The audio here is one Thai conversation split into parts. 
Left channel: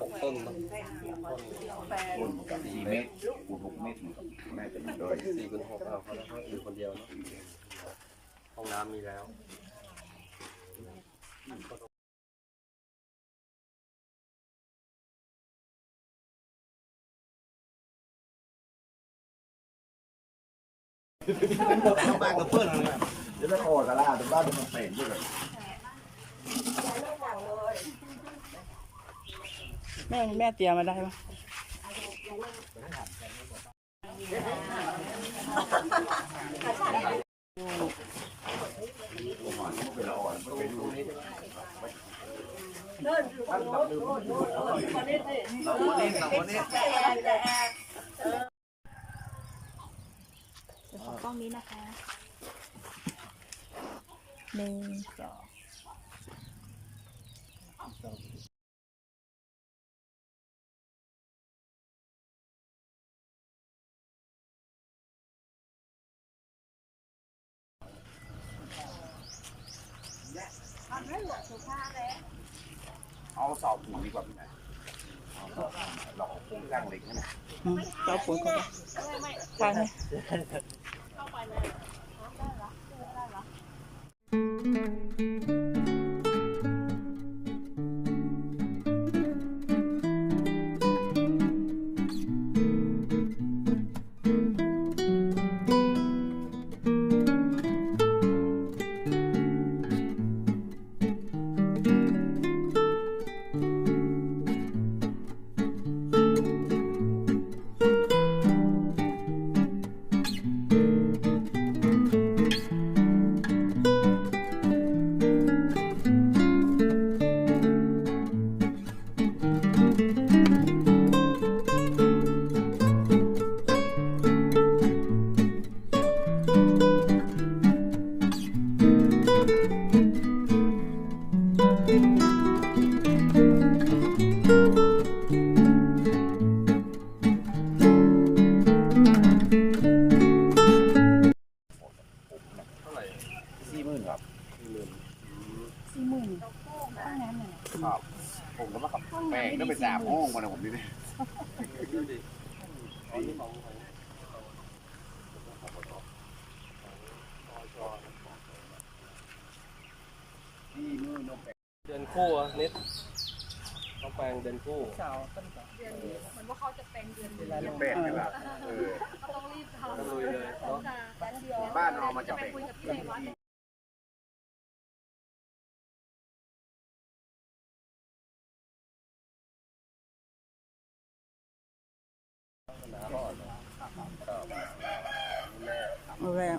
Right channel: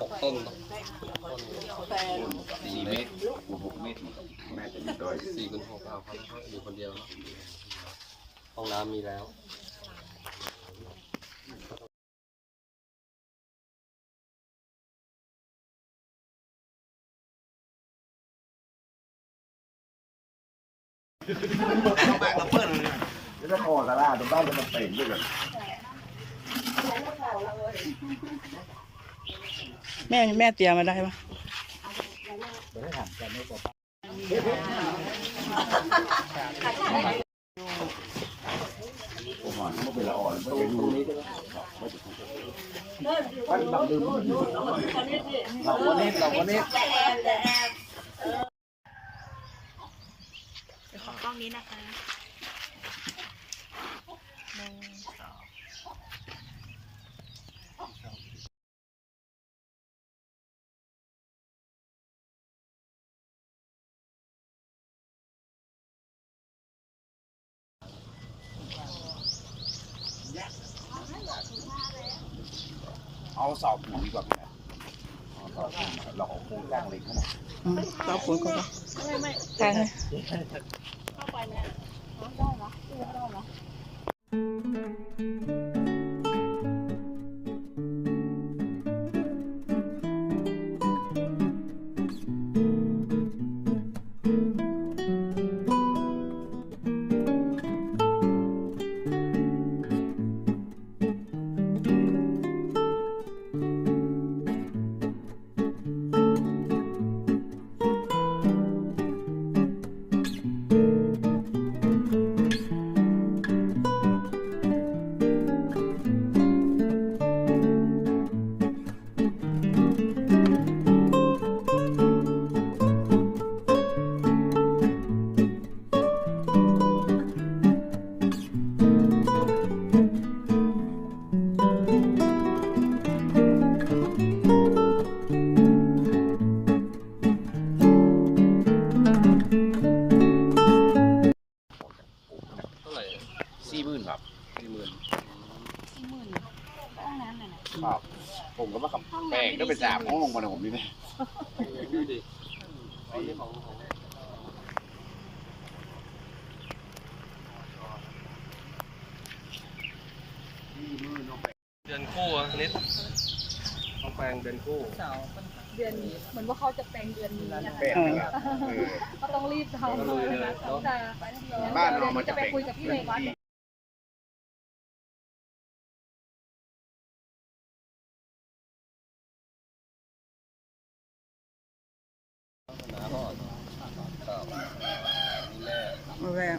หกต้นสี่เมตตรรคูณหกเมตรแม่จะอยู่ด้วยสี่คูณหกเอาเขาแล้วเขาอยู่คนเดียวเนาะห้องน้ำมีแล้ว จะได้คอตะล่าตรงบ้านจะมาเป่งด้วยกันแม่แม่เตรียมมาได้ปะผมอ่อนมันเป็นละอ่อนมันเป็นรูนี้ใช่ไหมเดี๋ยวขอ ล้องนี้นะคะหนึ่งสองเอาเสาปูนดีกว่าพี่นะเอาเสาปูนเราเอาโครงสร้างเหล็กนั่นแหละอืมเราปุ๋ยก่อนปะใช่ไสี่หมื่นสี่หมื่นห้องน้ำน่ะนะครับ ผมก็มาขับแป้งก็เป็นสามห้องมาเลยผมนี่เนี่ยดูดิอ๋อนี่ของของสี่หมื่นน้องแป้งเดือนคู่อะนิดต้องแปลงเดือนคู่เดือนนี้เหมือนว่าเขาจะแปลงเดือนนี้นะแป้งนี่แหละเออเขาต้องรีบทำก็ลุยเลยเนาะแต่เดี๋ยวบ้านเรามันจะจะไปเป็นคุยกับพี่ในวัด หนาห่อเนาะครับนี่แม่เอาแล้ว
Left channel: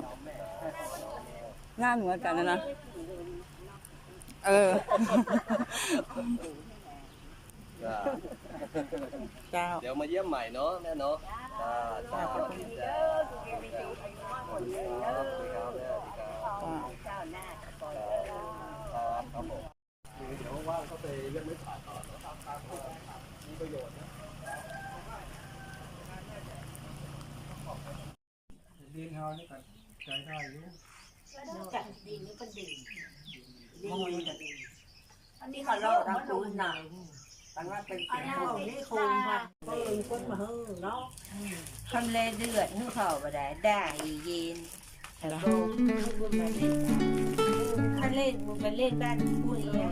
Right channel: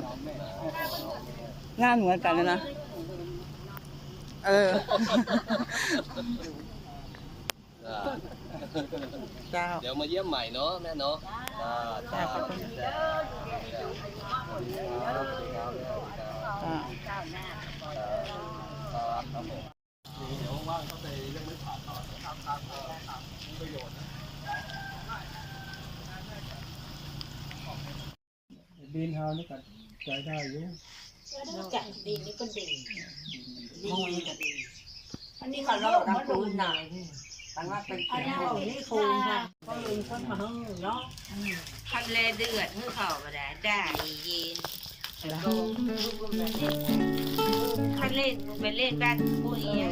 งานเหมือนกันเลยนะ เออ จ้าเจ้า เดี๋ยวมาเยี่ยมใหม่เนาะแม่เนาะจ้าจ้าขอบคุณจ้าครับสวัสดีครับสวัสดีครับอ่าครับครับผมเดี๋ยวว่างก็ไปเรื่องไม่ผ่านต่อทำตามประโยชน์นะ ดินเฮานี่ก็ใช้ได้อยู่จัดดินนี่ก็ดีดินนี่ก็ดีอันนี้เขาเราทำปูนหน่อยกันว่าเป็นอันนี้เอานี่คูณค่ะก็ลืมคนมาเฮ้อเนาะทำเลเดือดให้เขาก็ได้ได้เย็นเห็นไหมถ้าเล่นไปเล่นบ้านผู้เอีย